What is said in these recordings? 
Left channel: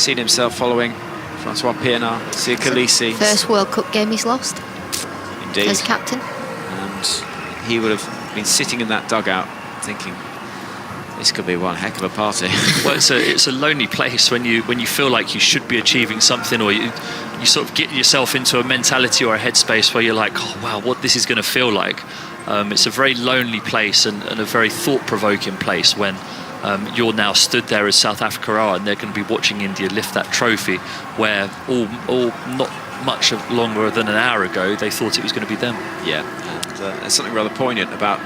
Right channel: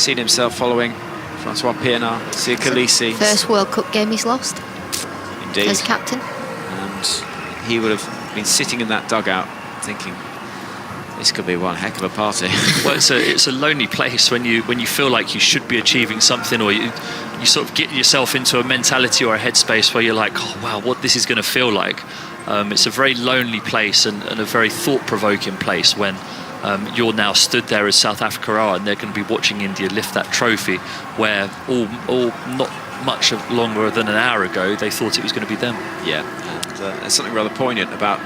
seen himself following Francois Pienaar, Sia Khaleesi. First World Cup game he's lost. Indeed. As captain. And he would have been sitting in that dugout thinking, this could be one heck of a party. Well, it's a lonely place when you feel like you should be achieving something, or you sort of get yourself into a mentality or a headspace where you're like, oh wow, what this is going to feel like. It's a very lonely place and a very thought-provoking place when you're now stood there as South Africa are, and they're going to be watching India lift that trophy, where all not much longer than an hour ago they thought it was going to be them. Yeah, and there's something rather poignant about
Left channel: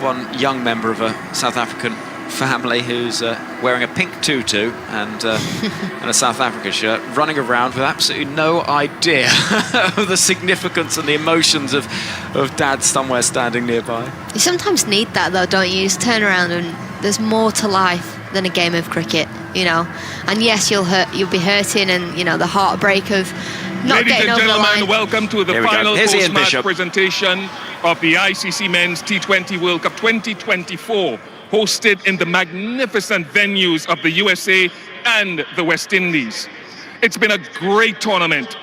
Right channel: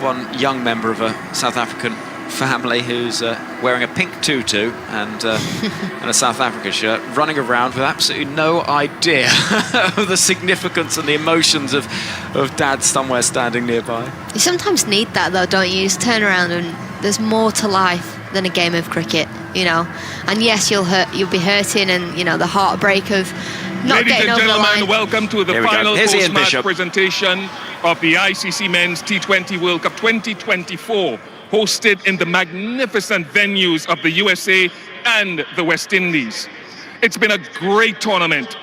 one young member of a South African family who's wearing a pink tutu and a South Africa shirt, running around with absolutely no idea of the significance and the emotions of dad somewhere standing nearby. You sometimes need that though, don't you? Just turn around and there's more to life than a game of cricket, you know. And yes, you'll be hurting, and you know the heartbreak of not getting over the line. Ladies and gentlemen, welcome to the final post-match presentation of the ICC Men's T20 World Cup 2024. Hosted in the magnificent venues of the USA and the West Indies. It's been a great tournament.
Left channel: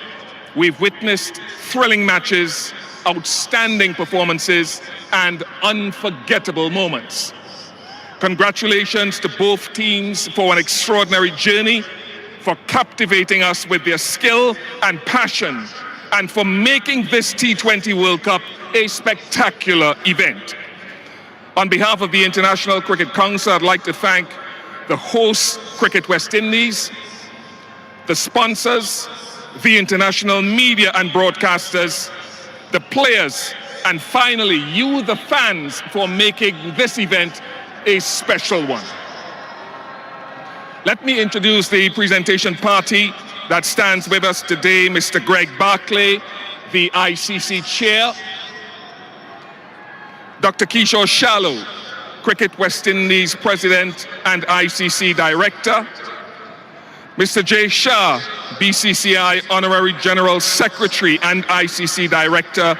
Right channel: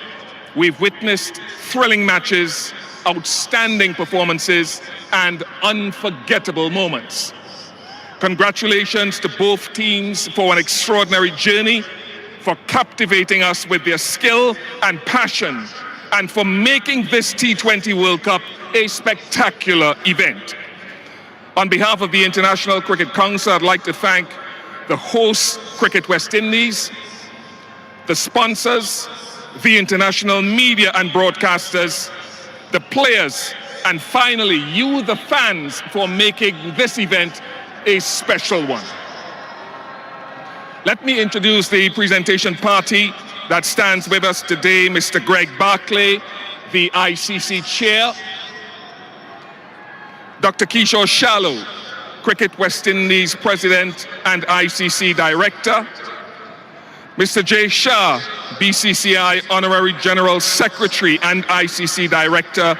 We've witnessed thrilling matches, outstanding performances, and unforgettable moments. Congratulations to both teams for an extraordinary journey, for captivating us with their skill and passion, and for making this T20 World Cup a spectacular event. On behalf of the International Cricket Council, I'd like to thank the host, Cricket West Indies, the sponsors, the international media and broadcasters, the players, and finally, you, the fans, for making this event a special one. Let me introduce the presentation party that stands with us today. Mr. Greg Barclay, the ICC chair. Dr. Kishore Shallow, Cricket West Indies President and ICC Director. Mr. Jay Shah, BCCI Honorary General Secretary and ICC Director.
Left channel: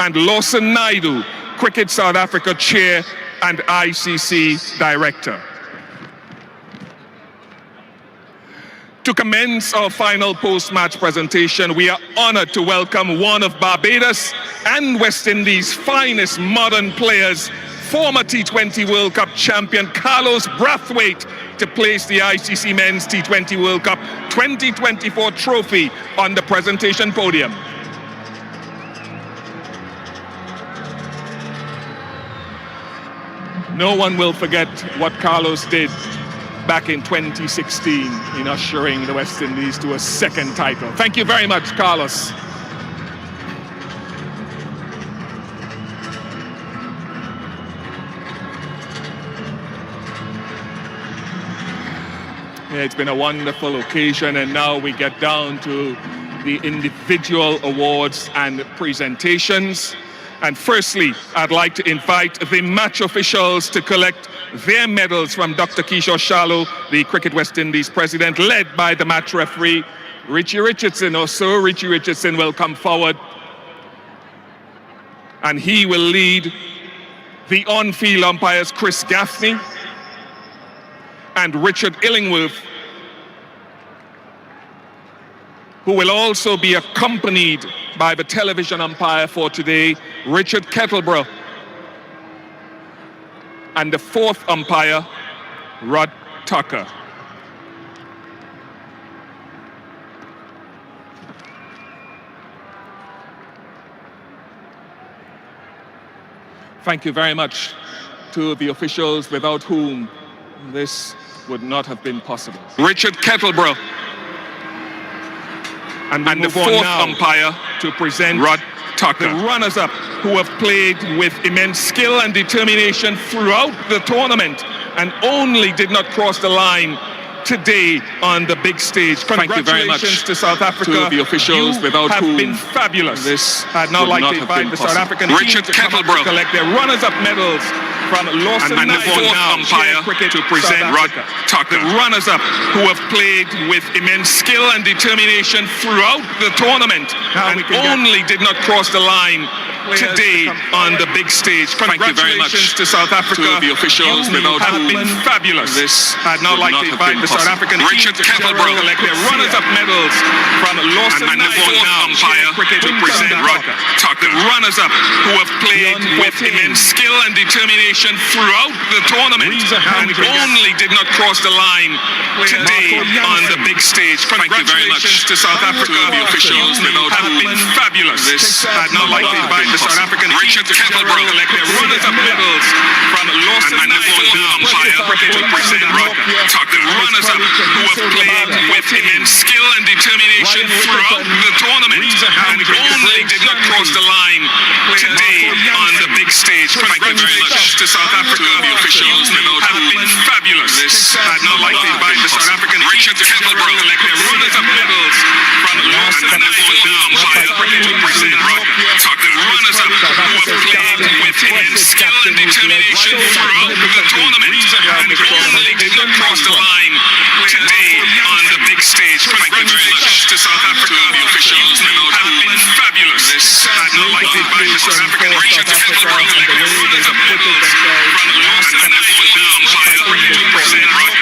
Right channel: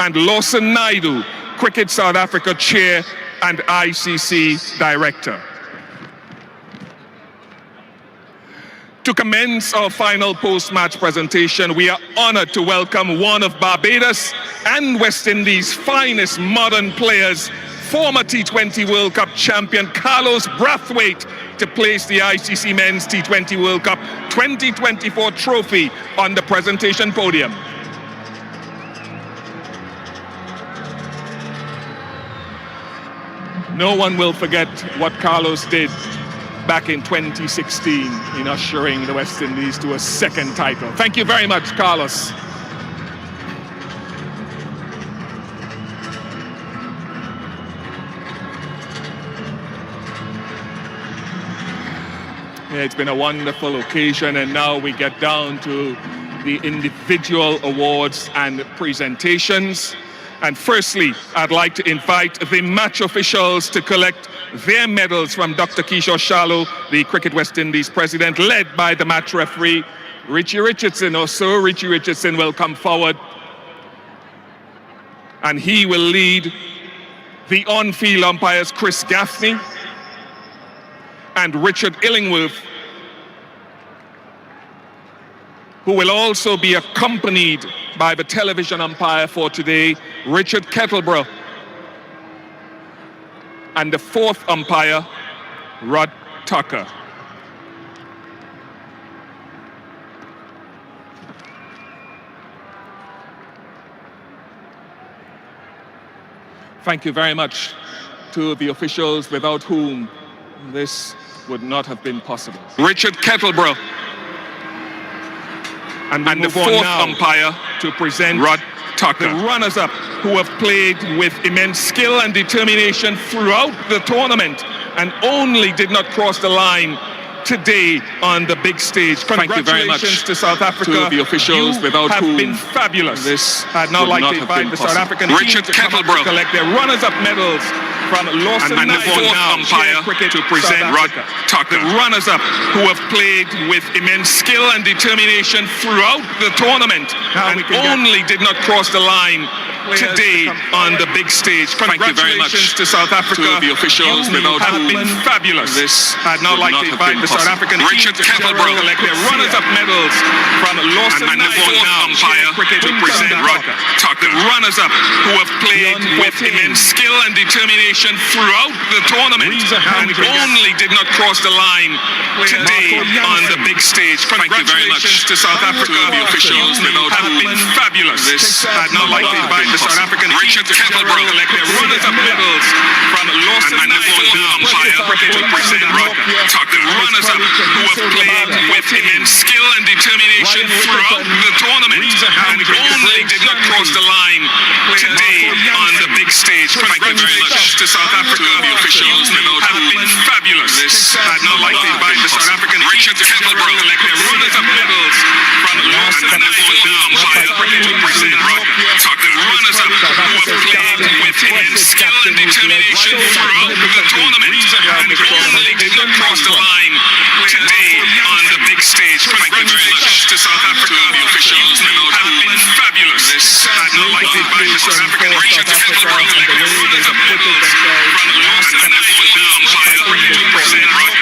And Lawson Naidu, Cricket South Africa Chair and ICC Director. To commence our final post-match presentation, we are honored to welcome one of Barbados and West Indies' finest modern players, former T20 World Cup champion Carlos Brathwaite, to place the ICC Men's T20 World Cup 2024 trophy on the presentation podium. No one will forget what Carlos did back in 2016 in ushering the West Indies to a second title. Thank you very much, Carlos. Yeah, it's been a wonderful occasion, and now we get down to the individual awards and presentations. And firstly, I'd like to invite the match officials to collect their medals from Dr. Kishore Shallow, the Cricket West Indies president, led by the match referee, Richie Richardson. Also, Richie Richardson will come forward, and he will lead the on-field umpires, Chris Gaffney and Richard Illingworth, who will also be accompanied by the television umpire for today, Richard Kettleborough, and the fourth umpire, Rod Tucker. Thank you very much to the officials without whom this would not have been possible. Richard Kettleborough. And the fourth umpire to present Rod Tucker, the runners-up who have played with immense skill and determination throughout the tournament and only did not cross the line today on the big stage. Thank you very much to South Africa. To the officials without whom been fabulous. This I'd now like to invite the South African Richard team to come up to collect their runners-up medals from Lawson and the fourth umpire to present Rod Tucker, the runners-up who have played with immense skill and determination throughout the tournament and only did not cross the line today on the big stage. Congratulations to South Africa. To the officials, you have been fabulous. I'd now like to invite the South African team to collect their runners-up medals from Lawson umpire cricket to present the runners-up who have played with immense skill and determination throughout the tournament and only did not cross the line today on the big stage. Congratulations to South Africa. The officials have been fabulous. I'd now like to invite the South African team to collect their runners-up medals from Lawson umpire to present the runners-up who have played with immense skill and determination throughout the tournament and only did not cross the line today on the big stage. Congratulations to South Africa. The officials have been fabulous. I'd now like to invite the South African team to collect their runners-up medals from Lawson umpire to present the runners-up who have played with immense skill and determination throughout the tournament and only did not cross the line today on the big stage. Congratulations to South Africa. The officials have been fabulous. I'd now like to invite the South African team to collect their runners-up medals from Lawson umpire to present the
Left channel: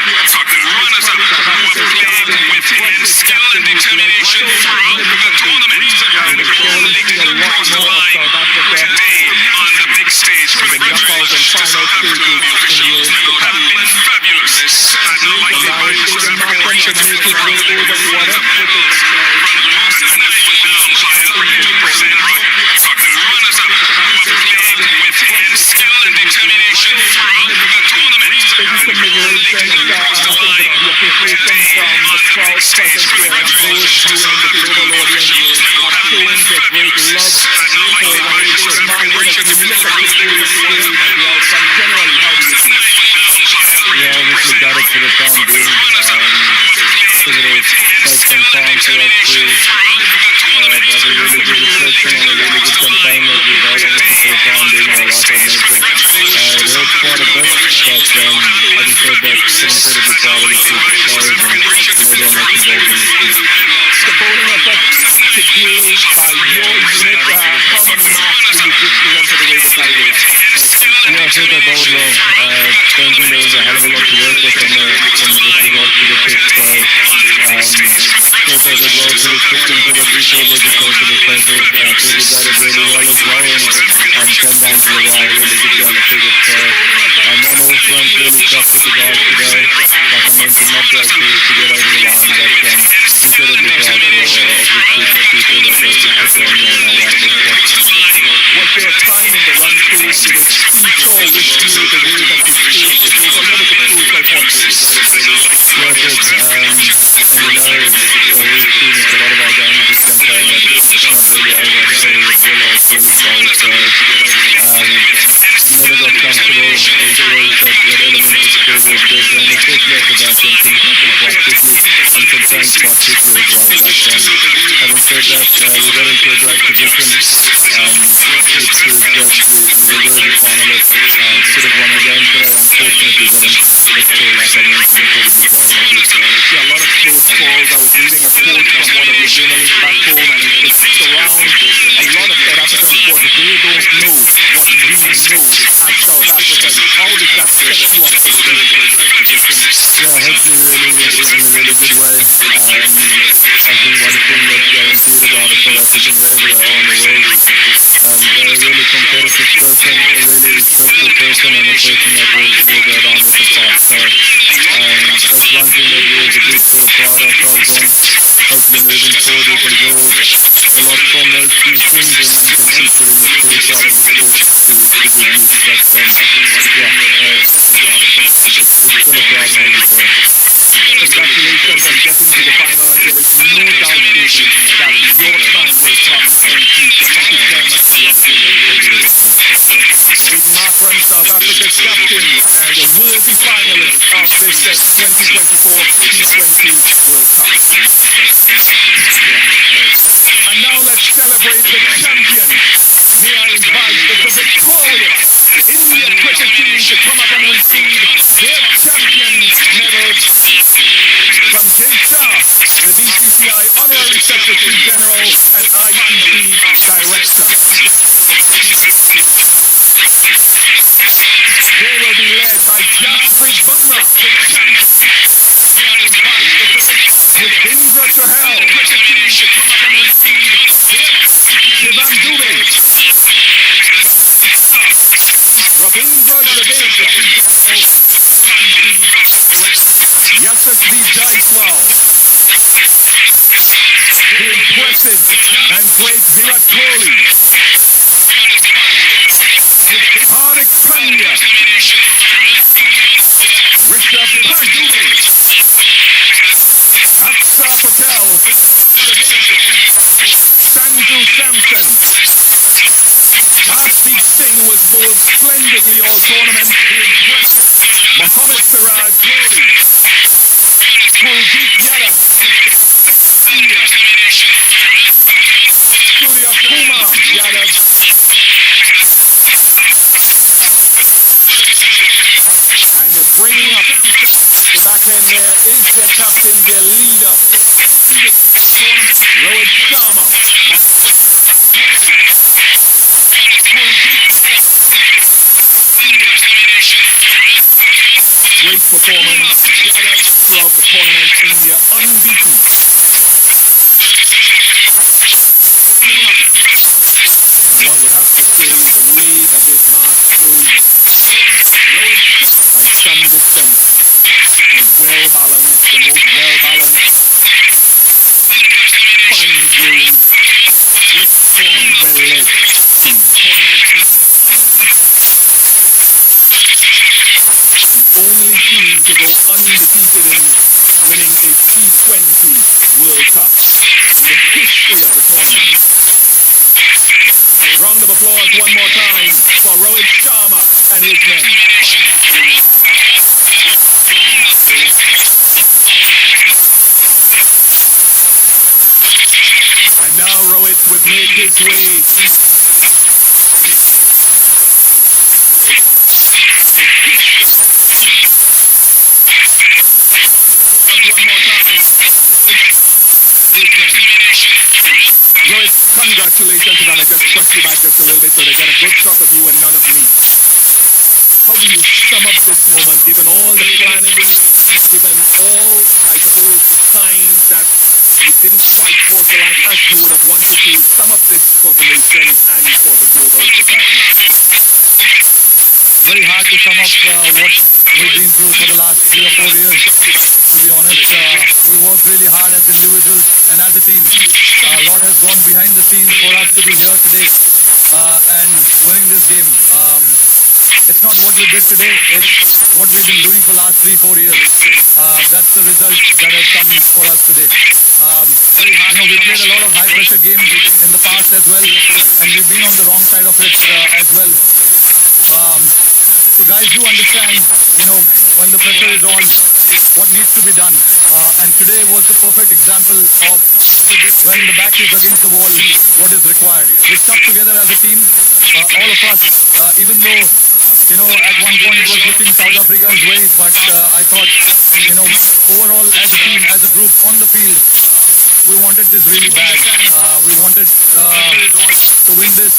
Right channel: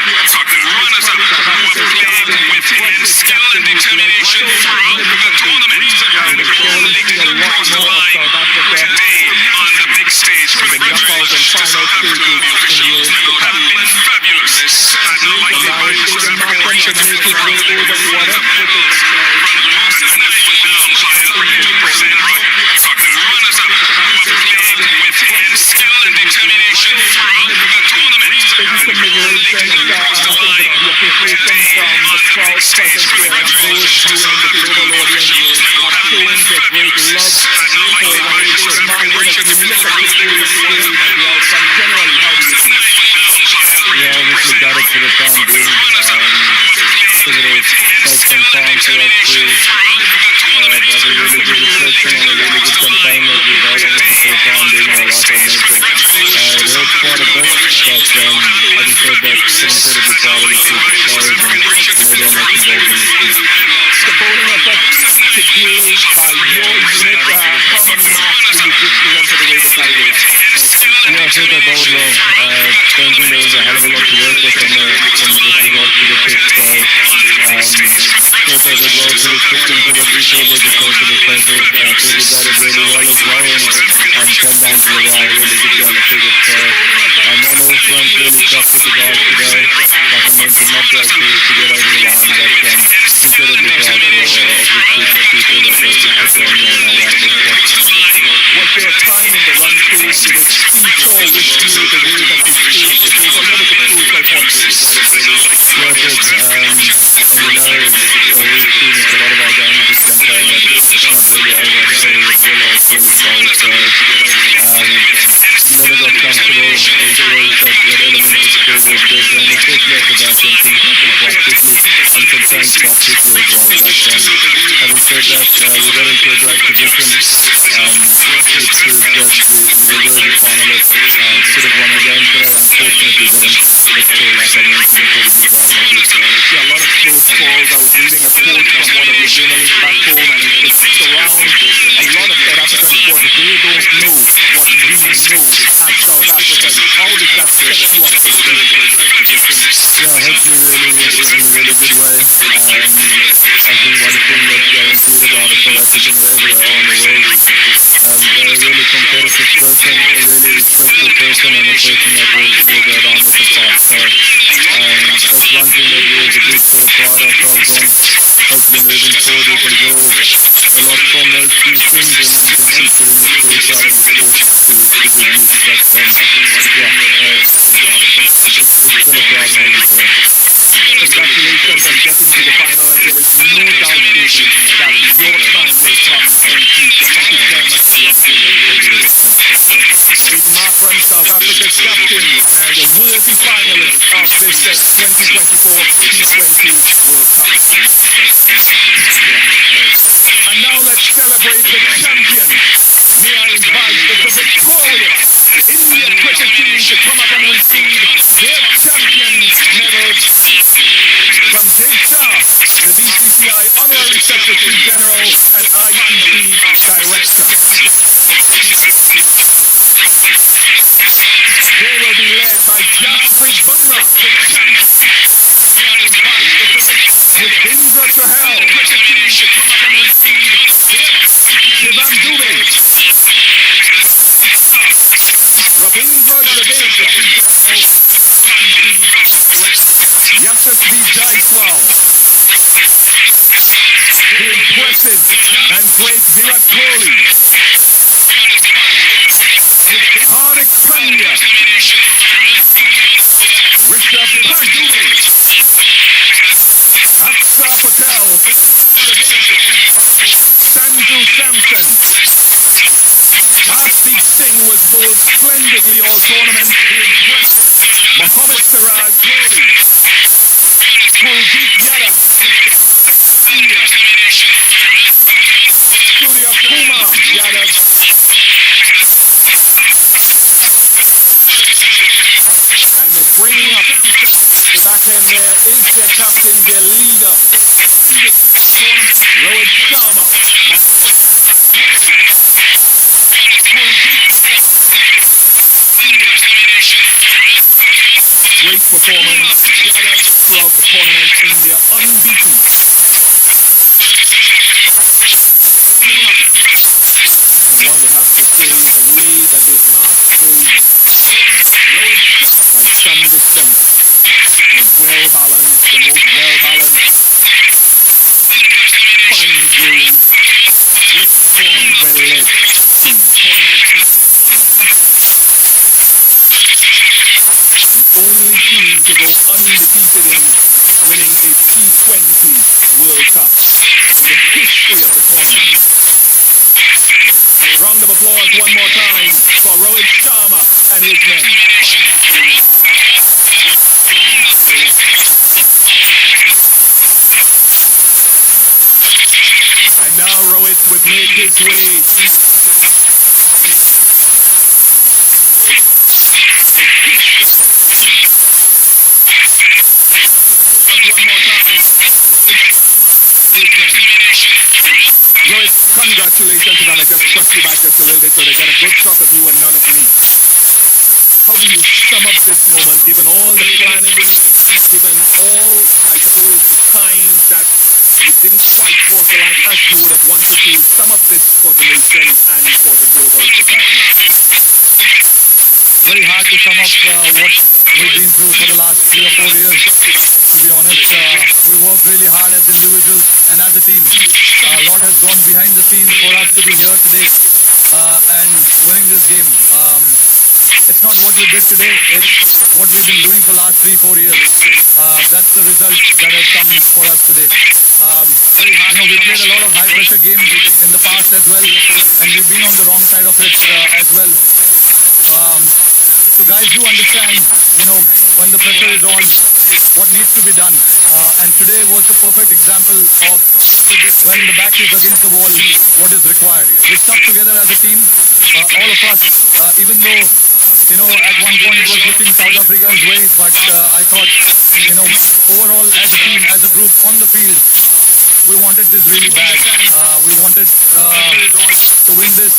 runners-up who have played with immense skill and determination throughout the tournament and only did not cross the line today on the big stage. Congratulations to South Africa. The officials have been fabulous. I'd now like to invite the South African team to collect their runners-up medals from Lawson umpire to present the runners-up who have played with immense skill and determination throughout the tournament and only did not cross the line today on the big stage. Congratulations to South Africa. The officials have been fabulous. I'd now like to invite the South African team to collect their runners-up medals from Lawson obviously got it for the time being. It will take some time for us to have a really good reflection on a really good campaign that we've had. Obviously for the time being, like I mentioned, it hurt quite a bit, but having said that, still incredibly proud of the group of players and everyone that's involved in this team. The bowling effort today by your unit, how many marks do you give to them for the way they played it? Yeah, I thought they bowled well. Don't think there was a hell of a lot to work with with regards to the pitch, so thought they did well to the system so that we thought was a total effective. Thought we batted really well as well and came down to the wire, really good down the figure. So on all fronts, really tough with the guys today. Like I mentioned, not great to get over the line, but incredibly proud of this group of people that they put on our right. Was there a time in the run through that seesaw with you the way that you feel? It was a little bit cruel, I want to say. Yeah, it is. And we've seen it a lot of our games this campaign that it's not really over until it's bowled. So never got comfortable. There's always that element of scoreboard pressure, and especially at the back end, things happen quite quickly and sometimes quite quickly as well. But having said that, we got into a great position. It proves that we were the finalists. Should have won the game today. Unfortunately, didn't. But still, like I mentioned, incredibly proud of it. Yeah, a lot of close calls. I was reading a quote from one of the journalists back home, and it surrounds a lot of South African supporters. They don't know what we know as South Africans. How does that set you up for the game? Yeah, hopefully really in a really good way. I think one thing that's guaranteed about a South African wherever they are in the world is they're a really competitive person, a really respectful person, and a person that will go down with the fight. So that's one thing that we as a group sort of pride ourselves on. Hopefully moving forward we can draw a lot from those two things and can keep putting the skill side of the sport to good use. But it's still a proud moment for us. Congratulations on getting to the final, and there is no doubt that your time will come in future. Thank you very much for the opportunity. Big Mark Ram, South Africa's captain, and a worthy finalist of this 2024 T20 World Cup. And now let's celebrate the champion. May I invite the victorious India cricket team to come up and receive their champion medals from Jay Shah, the BCCI Honorary Secretary General and ICC Director. They will be led by Jasprit Bumrah. Yuvendra Chahal. Shivam Dubey. Ravindra Jadeja. Yashasvi Jaiswal. The impressive and great Virat Kohli. Hardik Pandya. Rishabh Pant. Aksa Patel. Sanju Samson. Harshdeep Singh was bowled splendidly all tournament. Mohammad Siraj Kohli. Kuldeep Yadav. Surya Kumar Yadav. And they're bringing up the back end there is their captain, their leader. Rohit Sharma. Great performance throughout the tournament. India unbeaten. One would have to say the way that they've marched through by some distance. Well balanced, the most well balanced, finely groomed, well led team. The only team to go undefeated in winning a T20 World Cup in the history of the tournament. Round of applause one more time for Rohit Sharma and his men. And now Rohit would make his way Rohit, congratulations, and I just press you back just a little bit so they get a good shot of you and none of me. How do you sum up this moment, given all the planning, given all, I suppose, the times that you didn't quite cross the line as you would have wanted to? Sum up this for the nation and for the global society. Very hard to sum up what we've been through for the last 3 or 4 years. To be honest, we worked really hard as individuals and as a team. A lot has gone behind the scenes for us to be here today and winning this game. It's not what we did today, it's what we've been doing for the last 3-4 years. That's the result that has come for us today. We played a lot of high pressure games in the past as well, and we've been on the wrong side of it as well. So guys do understand, when the pressure is on, what needs to be done. And today was the perfect example of when the back is against the wall, what is required. We stuck together as a team, all of us, even though, at one point it was looking South Africa's way, but I thought, overall as a team, as a group on the field, we wanted this really bad. We wanted to win this,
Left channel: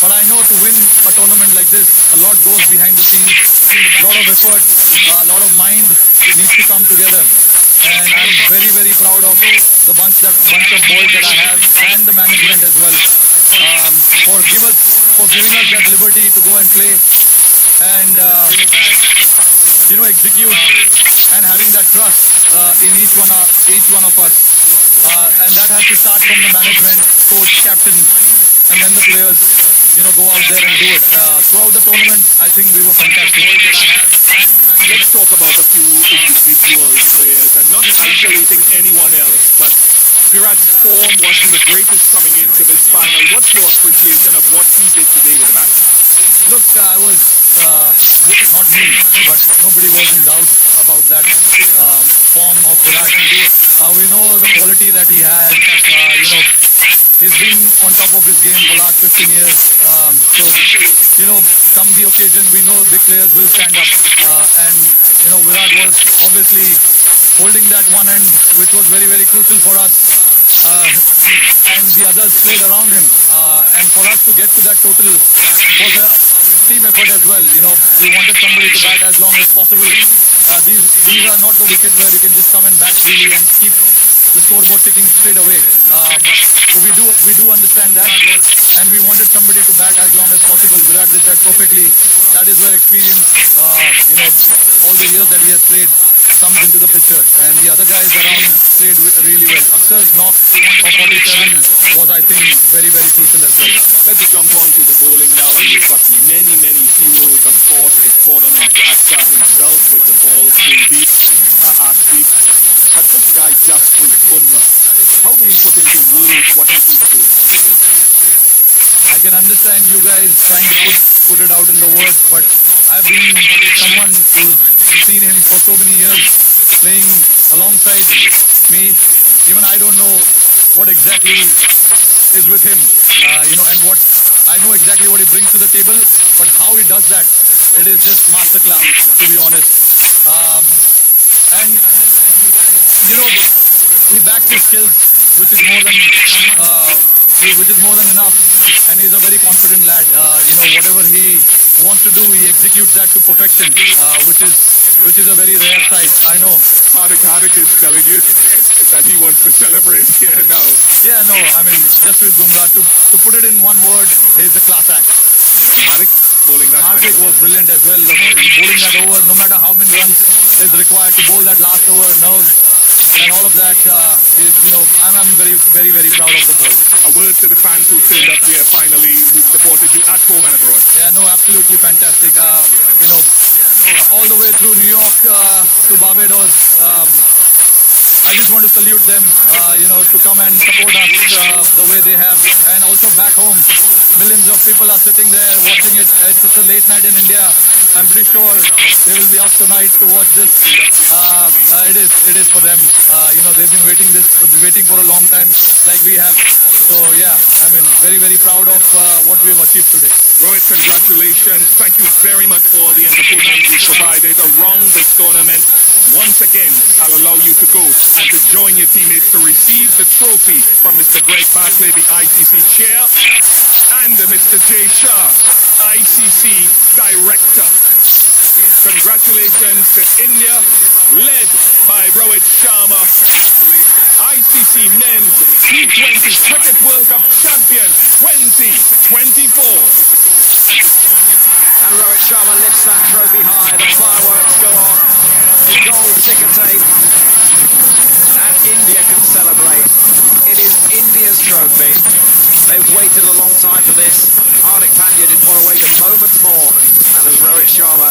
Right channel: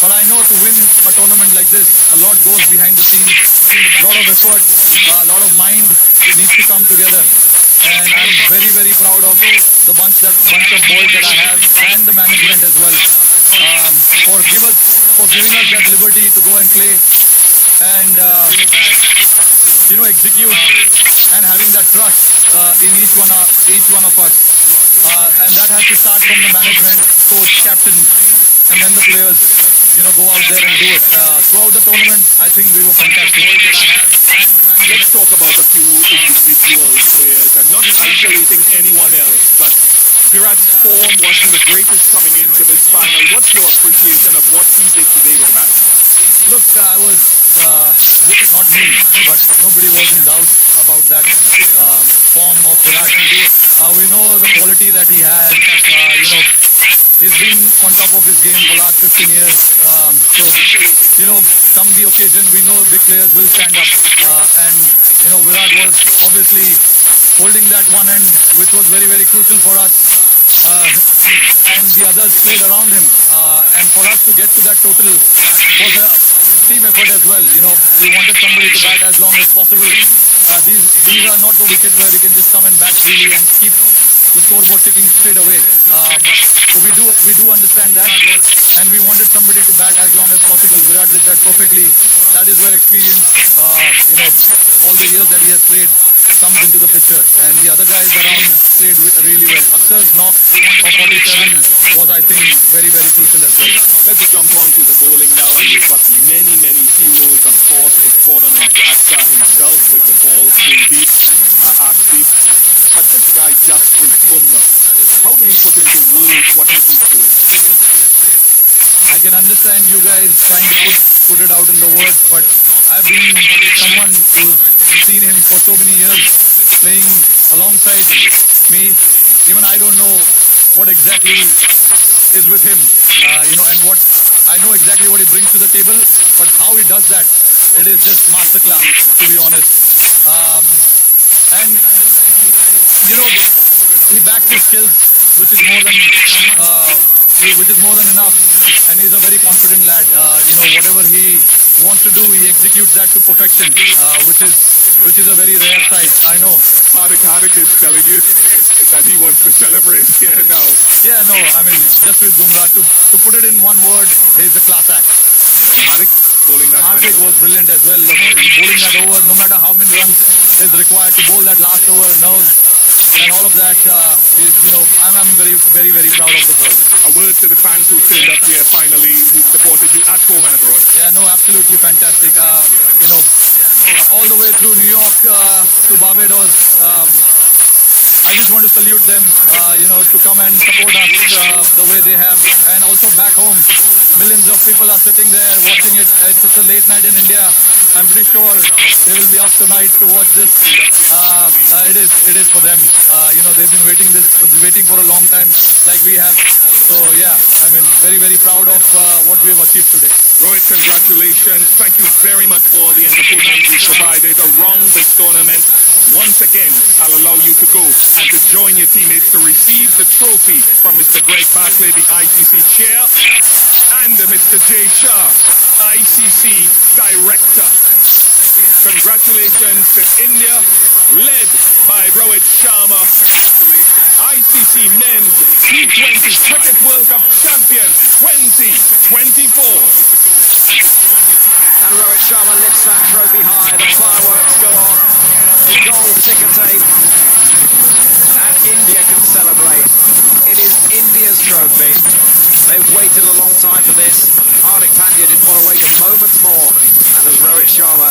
but I know to win a tournament like this, a lot goes behind the scenes, a lot of efforts, a lot of mind needs to come together. And I'm very, very proud of the bunch of boys that I have and the management as well, for giving us that liberty to go and play and execute, and having that trust in each one of us, and that has to start from the management, coach, captain, and then the players, go out there and do it. Throughout the tournament, I think we were fantastic. Let's talk about a few individual players and not isolating anyone else, but Virat's form wasn't the greatest coming into this final. What's your appreciation of what he did today with the bat? Look, I was, not me, but nobody was in doubt about that form of Virat. We know the quality that he has. He's been on top of his game for the last 15 years. Come the occasion, we know big players will stand up. And Virat was obviously holding that one end, which was very, very crucial for us. And the others played around him. And for us to get to that total was a team effort as well. You know, we wanted somebody to bat as long as possible. These are not the wickets where you can just come and bat freely and keep the scoreboard ticking straight away. So we do understand that, and we wanted somebody to bat as long as possible. Virat did that perfectly. That is where experience, you know, all the years that he has played comes into the picture. And the other guys around played really well. Aksar's knock for 47 was, I think, very, very crucial as well. Let's jump on to the bowling now, and we've got many heroes across the tournament. Aksar himself with the ball too deep, deep. But this guy, Jasprit Bumrah, how do we put into words what he keeps doing? I can understand you guys trying to put it out in the words, but I've been someone who's seen him for so many years playing alongside me. Even I don't know what exactly is with him, you know, and what I know exactly what he brings to the table, but how he does that, it is just masterclass, to be honest. And you know, he backs his skills, which is more than enough, and he's a very confident lad. You know, whatever he wants to do, he executes that to perfection, which is a very rare sight. I know. Hardik is telling you that he wants to celebrate here now. Yeah, no, I mean, Jasprit Bumrah, to put it in one word, he's a class act. Hardik bowling that. Hardik was brilliant as well. Bowling that over, no matter how many runs is required to bowl that last over, nerves and all of that. You know, I'm very, very, very proud of the ball. A word to the fans who turned up here finally, who supported you at home and abroad. Yeah, no, absolutely fantastic. You know, all the way through New York to Barbados. I just want to salute them, you know, to come and support us the way they have. And also back home, millions of people are sitting there watching it. It's a late night in India. I'm pretty sure they will be up tonight to watch this. It is for them. You know, they've been waiting for a long time, like we have. So yeah, I mean, very, very proud of what we have achieved today. Rohit, congratulations. Thank you very much for the entertainment you provided around this tournament. Once again, I'll allow you to go and to join your teammates to receive the trophy from Mr. Greg Barclay, the ICC chair, and Mr. Jay Shah, ICC director. Congratulations to India, led by Rohit Sharma, ICC Men's T20 Cricket World Cup champions 2024. And Rohit Sharma lifts that trophy high, the fireworks go off, the gold ticker tape, and India can celebrate. It is India's trophy. They've waited a long time for this. Hardik Pandya didn't want to wait a moment more. And as Rohit Sharma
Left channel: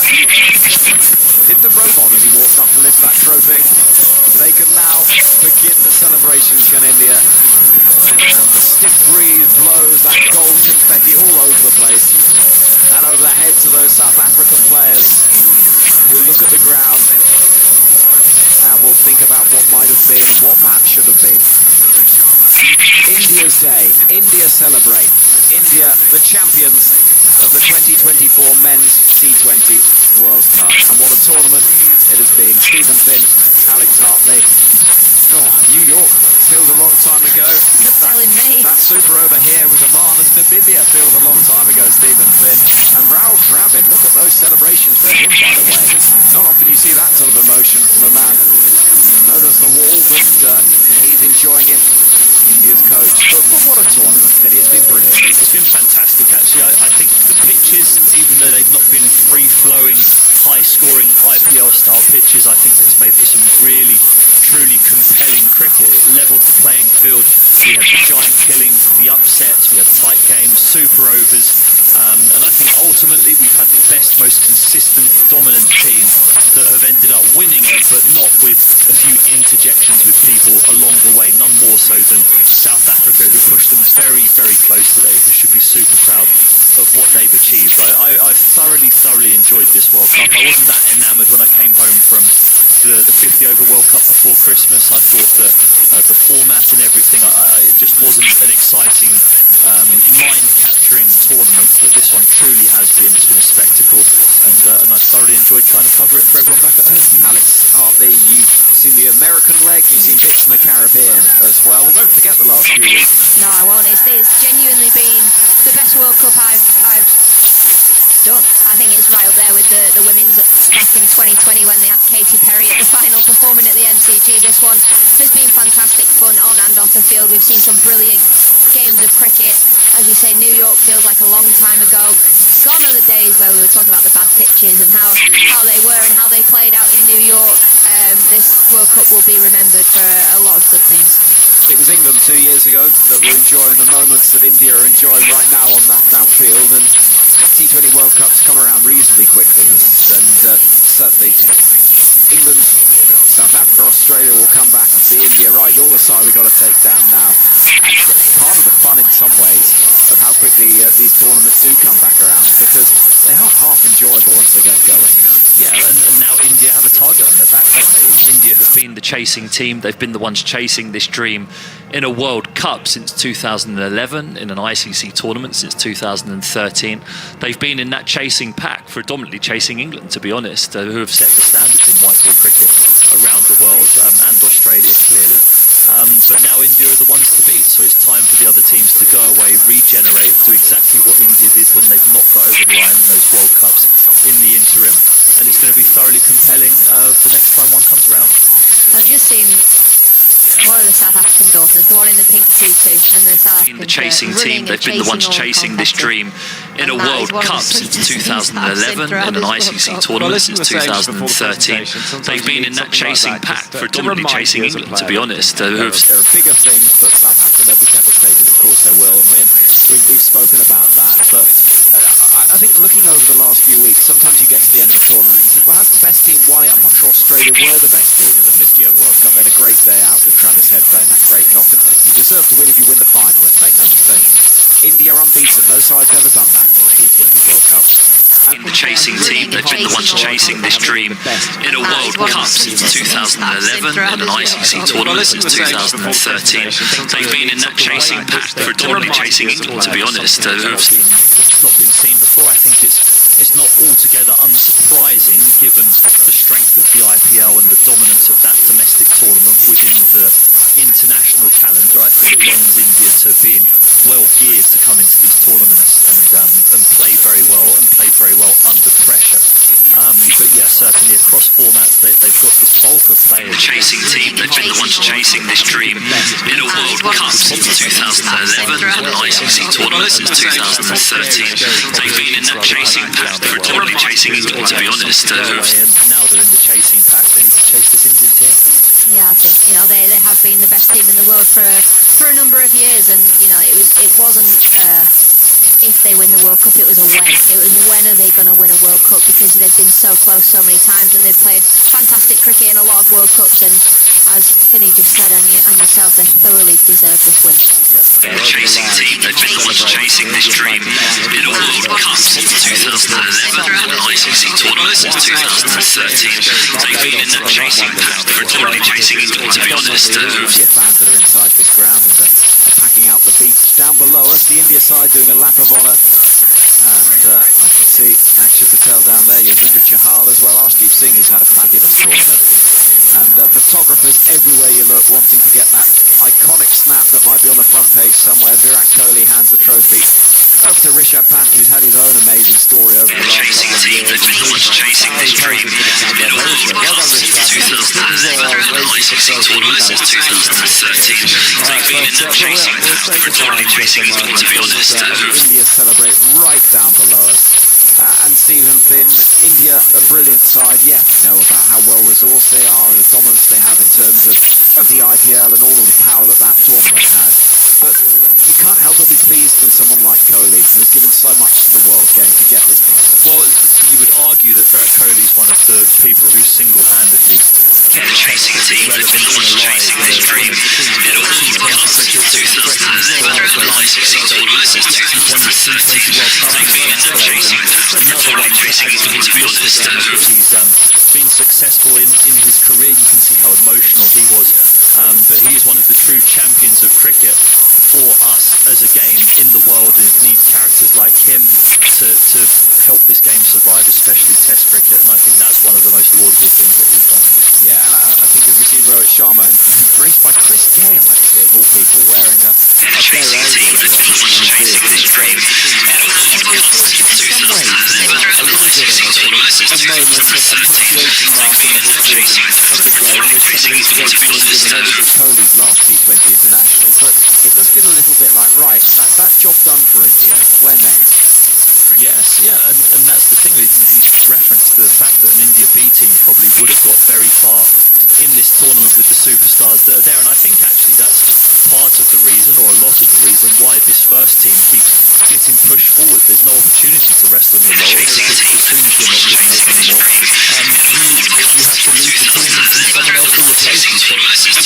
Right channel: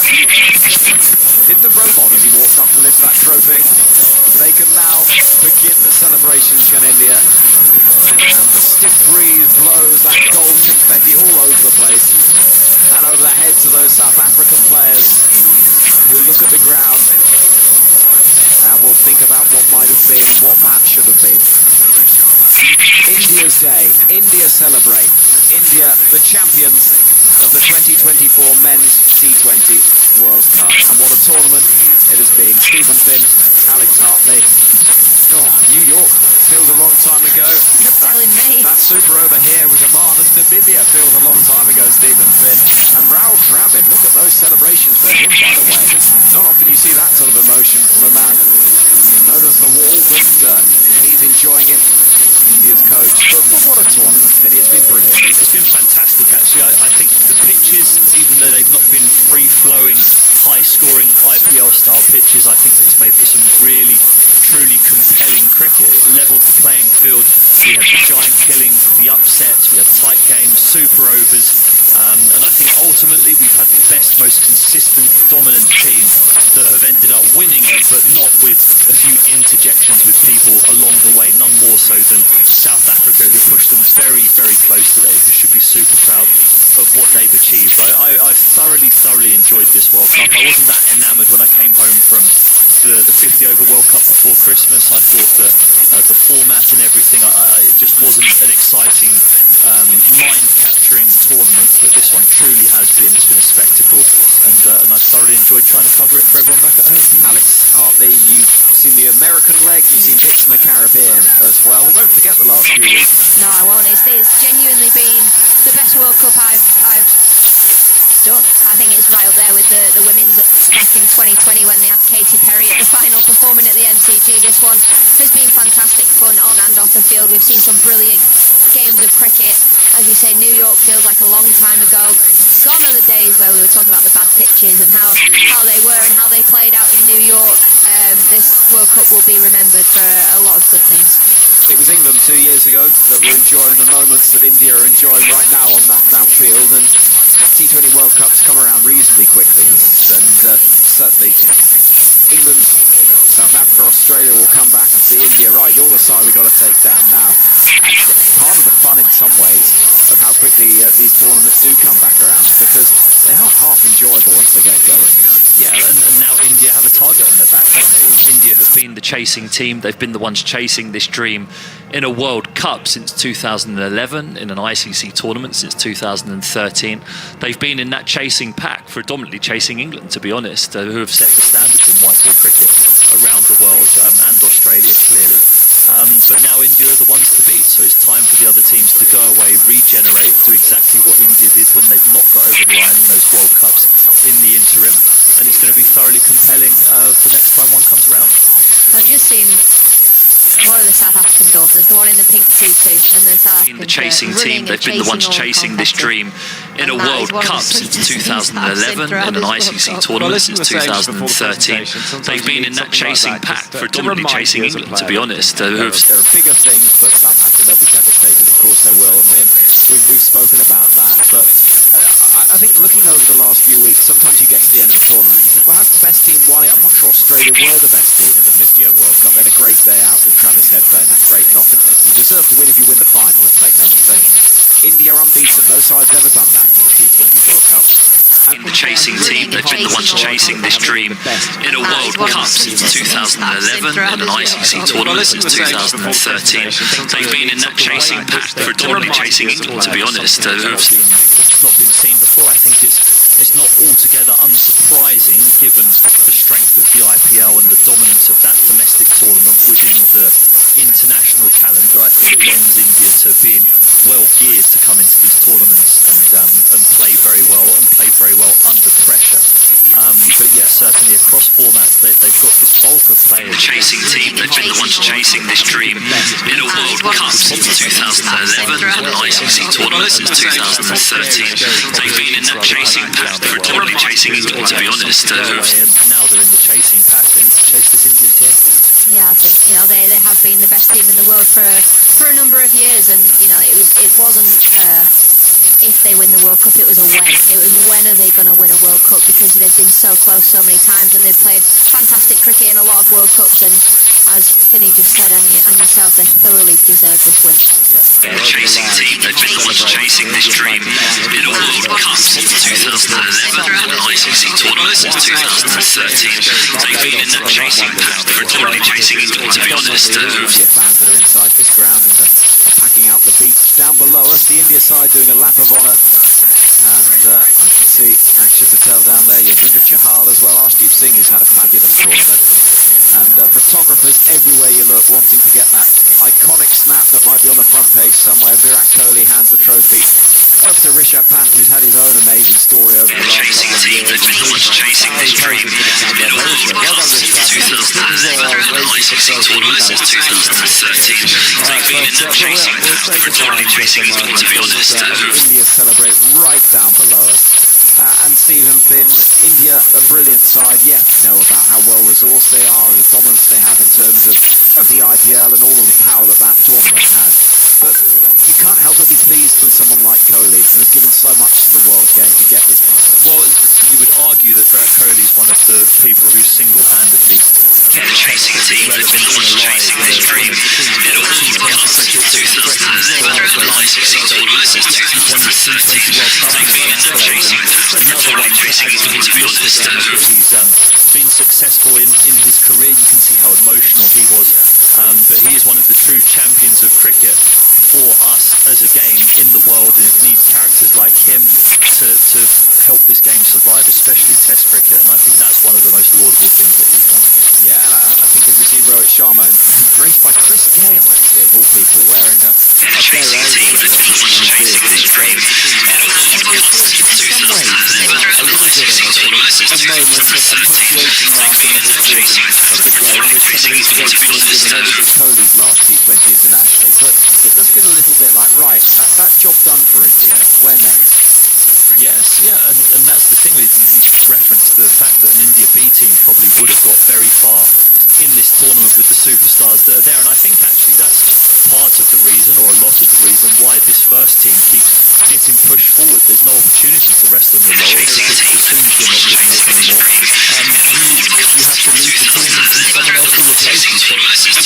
did the robot as he walked up to lift that trophy, they can now begin the celebrations, can India? And the stiff breeze blows that gold confetti all over the place. And over the heads of those South African players who look at the ground and will think about what might have been and what perhaps should have been. India's day. India celebrate. India, the champions of the 2024 Men's T20 World Cup. And what a tournament it has been. Stephen Finn, Alex Hartley. Oh, New York feels a long time ago. You're telling me. That super over here with Oman and Namibia feels a long time ago, Stephen Finn. And Raul Dravid, look at those celebrations for him, by the way. Not often you see that sort of emotion from a man known as the Wall, but he's enjoying it. India's coach. But what a tournament, Vinny. It's been brilliant. It's been fantastic, actually. I think the pitches, even though they've not been free-flowing, high-scoring IPL-style pitches, I think it's made for some really, truly compelling cricket. It levelled the playing field. We had the giant killings, the upsets, we had tight games, super overs, and I think ultimately we've had the best, most consistent, dominant team that have ended up winning it, but not with a few interjections with people along the way, none more so than South Africa, who pushed them very, very close today, who should be super proud of what they've achieved. I thoroughly enjoyed this World Cup. I wasn't that enamoured when I came home from the 50 over World Cup before Christmas. I thought that the format and everything, it just wasn't an exciting, mind-capturing tournament, but this one truly has been. It's been a spectacle, and I've thoroughly enjoyed trying to cover it for everyone back at home. Alex Hartley, you've seen the American leg, you've seen bits in the Caribbean as well. We won't forget the last few weeks. No, I won't. It's genuinely been the best World Cup I've done. I think it's right up there with the women's back in 2020 when they had Katy Perry at the final performing at the MCG. This one has been fantastic fun on and off the field. We've seen some brilliant games of cricket. As you say, New York feels like a long time ago. Gone are the days where we were talking about the bad pitches and how they were and how they played out in New York. This World Cup will be remembered for a lot of good things. It was England 2 years ago that were enjoying the moments that India are enjoying right now on that outfield, and T20 World Cups come around reasonably quickly, and certainly England, South Africa, Australia will come back and see India, right, you're the side we've got to take down now. Part of the fun in some ways of how quickly these tournaments do come back around, because they aren't half enjoyable once they get going. Yeah, and now India have a target on their back, don't they? India have been the chasing team. They've been the ones chasing this dream in a World Cup since 2011, in an ICC tournament since 2013. They've been in that chasing pack, predominantly chasing England, to be honest, who have set the standards in white ball cricket around the world, and Australia, clearly. But now India are the ones to beat, so it's time for the other teams to go away, regenerate, do exactly what India did when they've not got over the line in those World Cups in the interim. And it's going to be thoroughly compelling the next time one comes around. I've just seen one of the South African daughters, the one in the pink tutu, and the South African the chasing team. They've been the ones chasing this dream in a World Cup since 2011, in an ICC tournament since 2013. They've been in that chasing pack, predominantly chasing England, to be honest. There are bigger things, but South Africa, they'll be devastated. Of course they will, and we've spoken about that. But I think looking over the last few weeks, sometimes you get to the end of a tournament and you think, well, has the best team won it? I'm not sure Australia were the best team in the 50th World Cup. They had a great day out with Travis Head playing that great knock. And you deserve to win if you win the final, let's make no mistake. India unbeaten. No side's ever done that in the T20 World Cup. And the chasing team, they've been the ones chasing this dream in a World Cup since 2011, in an ICC tournament since 2013. They've been in that chasing pack, predominantly chasing England, to be honest. That's not been seen before. I think it's not altogether unsurprising, given the strength of the IPL and the dominance of that domestic tournament within the international calendar. I think lends India to being well geared to come into these tournaments and play very well, and play very well under pressure. But yeah, certainly across formats, they've got this bulk of players. The chasing team, they've been the ones chasing this dream in a World Cup since 2011, an ICC tournament since 2013. They've been in that chasing pack, predominantly chasing England, to be honest. And now they're in the chasing pack. They need to chase this Indian team. Yeah, I think they have been the best team in the world for a number of years, and it wasn't if they win the World Cup, it was a when. It was when are they going to win a World Cup, because they've been so close so many times, and they've played fantastic cricket in a lot of World Cups, and as Finney just said, and yourself, they thoroughly deserve this win. Yeah. The chasing team, they've been the ones chasing this dream in a World Cup since 2011, an ICC tournament since 2013. They've been in that chasing pack, predominantly chasing England, to be honest. India fans that are inside this ground and are packing out the beach. Down below us, the India side doing a lap of honour, and I can see Akshay Patel down there, Yuzvendra Chahal as well, Arshdeep Singh, who's had a fabulous tournament, and photographers everywhere you look wanting to get that iconic snap that might be on the front page somewhere. Virat Kohli hands the trophy over to Rishabh Pant, who's had his own amazing story over the last couple of years. Chasing this dream in a World Cup since 2011, an ICC tournament since 2013. They've been in that chasing pack, predominantly chasing England, to be honest. India celebrate right down below us. And Stephen Finn, India, a brilliant side. Yeah, we know about how well resourced they are and the dominance they have in terms of the IPL and all of the power that tournament has. But you can't help but be pleased with someone like Kohli, who's given so much to the world game, to get this moment. Well, you would argue that Virat Kohli is one of the people who single-handedly kept the chasing team, they've been the ones chasing this dream in a World Cup since 2011, an ICC tournament since 2013. They've been in that chasing pack, predominantly chasing England, to be honest. He's been successful in his career. You can see how emotional he was, but he is one of the true champions of cricket for us as a game in the world, and it needs characters like him to helped this game survive, especially Test cricket, and I think that's one of the most laudable things that he's done. Yeah, and I think as we see Rohit Sharma embraced by Chris Gale, actually, of all people, wearing a Kohli's last T20 international, but it does feel a little bit like, right, that's that job done for India. Where next? Yes, yeah, and that's the thing. You referenced the fact that an India B team probably would have got very far in this tournament with the superstars that are there, and I think actually that's part of the reason, or a lot of the reason, why this first team keeps getting pushed forward. There's no opportunity to rest on your laurels, because as soon as you're not good enough anymore, you have to leave the team and someone else will replace you. So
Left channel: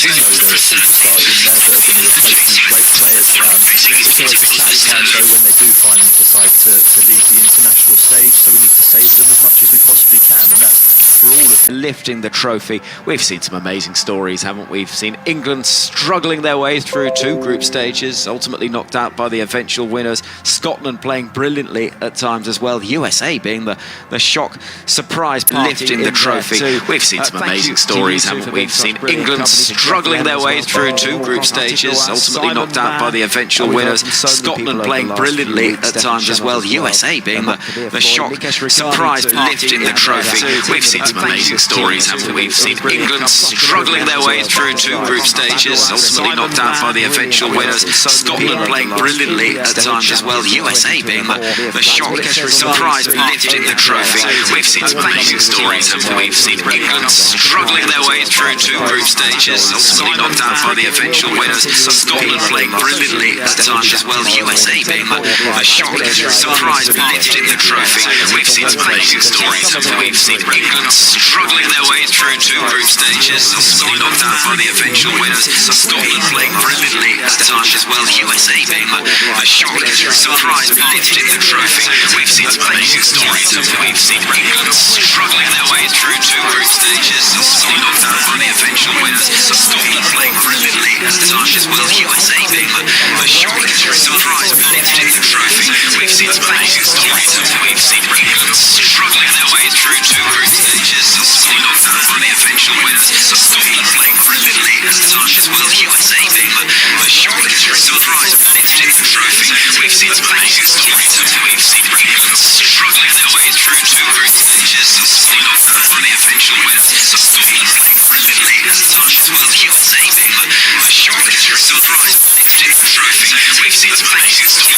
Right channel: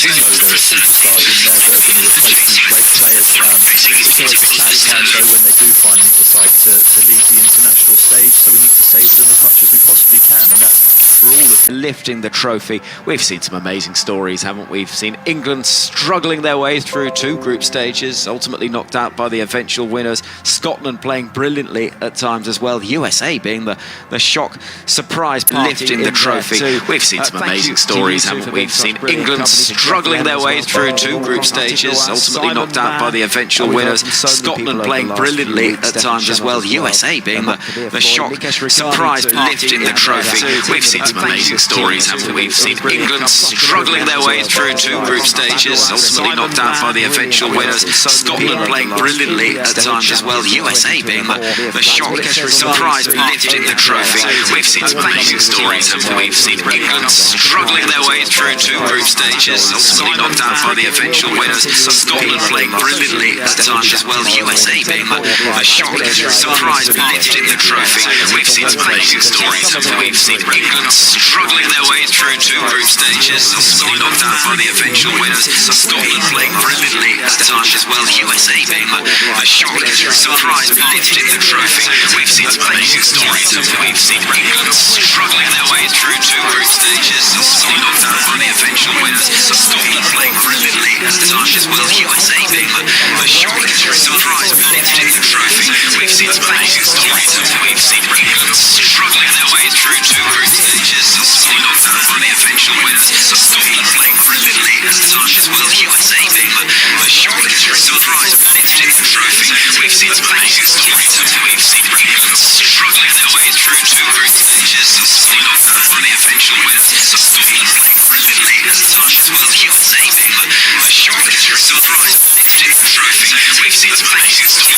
we know there are superstars in there that are going to replace these great players. It's always a sad time though when they do finally decide to leave the international stage, so we need to savour them as much as we possibly can, and that's for all of them. Lifting the trophy. We've seen some amazing stories, haven't we? We've seen England struggling their way through 2 group stages, ultimately knocked out by the eventual winners. Scotland playing brilliantly at times as well. USA being the shock surprise party. Lifting the trophy. We've seen some amazing stories, haven't we? We've seen England struggling their way through 2 group stages, ultimately knocked out by the eventual winners. Scotland playing brilliantly at times as well. USA being the shock surprise party. Lifting the trophy. We've seen some amazing stories, haven't we? We've seen England struggling their way through 2 group stages, ultimately knocked out by the eventual winners. Scotland playing brilliantly at times as well. USA being the shock surprise lifting the trophy. We've seen some amazing stories, haven't we? We've seen England struggling their way through 2 group stages, ultimately knocked out by the eventual winners. Scotland playing brilliantly at times as well. USA being the shock surprise lifting the trophy. We've seen some amazing stories, haven't we? We've seen England struggling their way through 2 group stages, ultimately knocked out by the eventual winners. Scotland playing brilliantly at times as well. USA being the shock surprise lifting the trophy. We've seen some amazing stories, haven't we? We've seen England struggling their way through 2 group stages, ultimately knocked out by the eventual winners. Scotland playing brilliantly at times as well. USA being the shock surprise lifting the trophy. We've seen some amazing stories, haven't we? We've seen England struggling their way through 2 group stages, ultimately knocked out by the eventual winners. Scotland playing brilliantly at times as well. USA being the shock surprise lifting the trophy. We've seen some amazing stories, haven't we? We've seen England struggling their way through 2 group stages, ultimately knocked out by the eventual winners. Scotland playing brilliantly at times as well. USA being the shock surprise lifting the trophy. We've seen some amazing stories, haven't we? We've seen England struggling their way through 2 group stages, ultimately knocked out by the eventual winners. Scotland playing brilliantly at times as well. USA being the shock surprise lifting the trophy. We've seen some amazing stories, haven't we? We've seen England struggling their way through 2 group stages, ultimately knocked out by the eventual winners. Scotland playing brilliantly at times as well. USA being the shock surprise lifting the trophy. We've seen some amazing stories, haven't we? We've seen England struggling their way through 2 group stages, ultimately knocked out by the eventual winners. Scotland playing brilliantly at times as well. USA being the shock surprise lifting the trophy. We've seen some amazing stories, haven't we?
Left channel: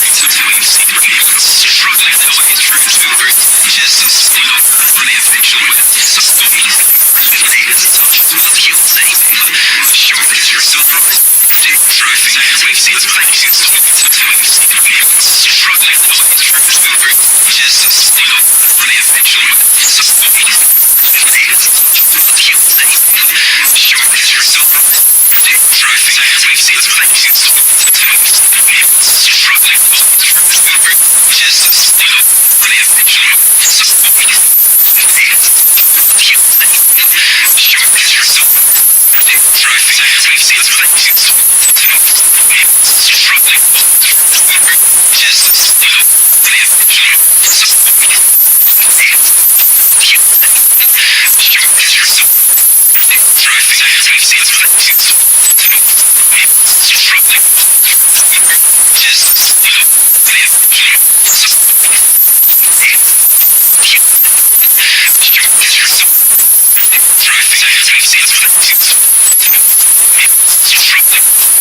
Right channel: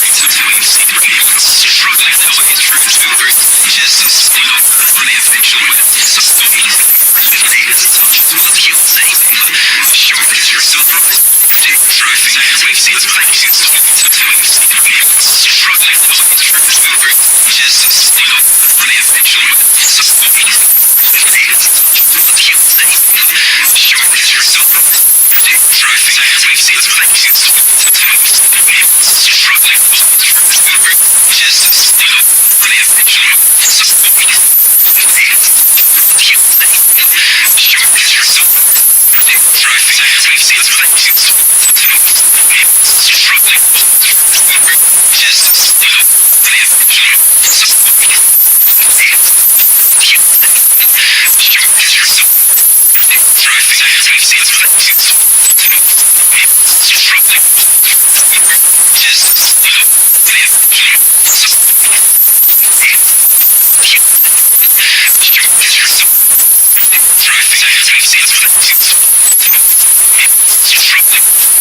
We've seen England struggling their way through 2 group stages, ultimately knocked out by the eventual winners. Scotland playing brilliantly at times as well. USA being the shock surprise lifting the trophy. We've seen some amazing stories, haven't we? We've seen England struggling their way through 2 group stages, ultimately knocked out by the eventual winners. Scotland playing brilliantly at times as well. USA being the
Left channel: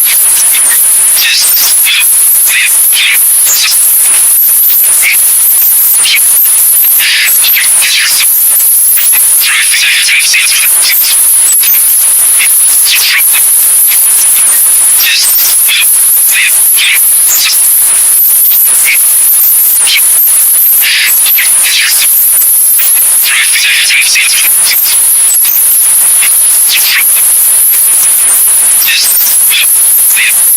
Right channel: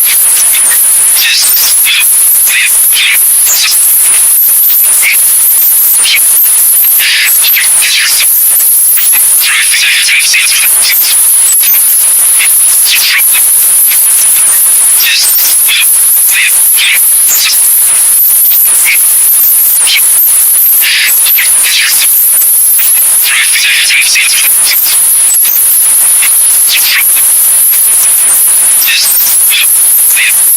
shock surprise lifting the trophy. We've seen some amazing stories, haven't we? England struggling their way through 2 group stages, ultimately knocked out by the eventual winners. Scotland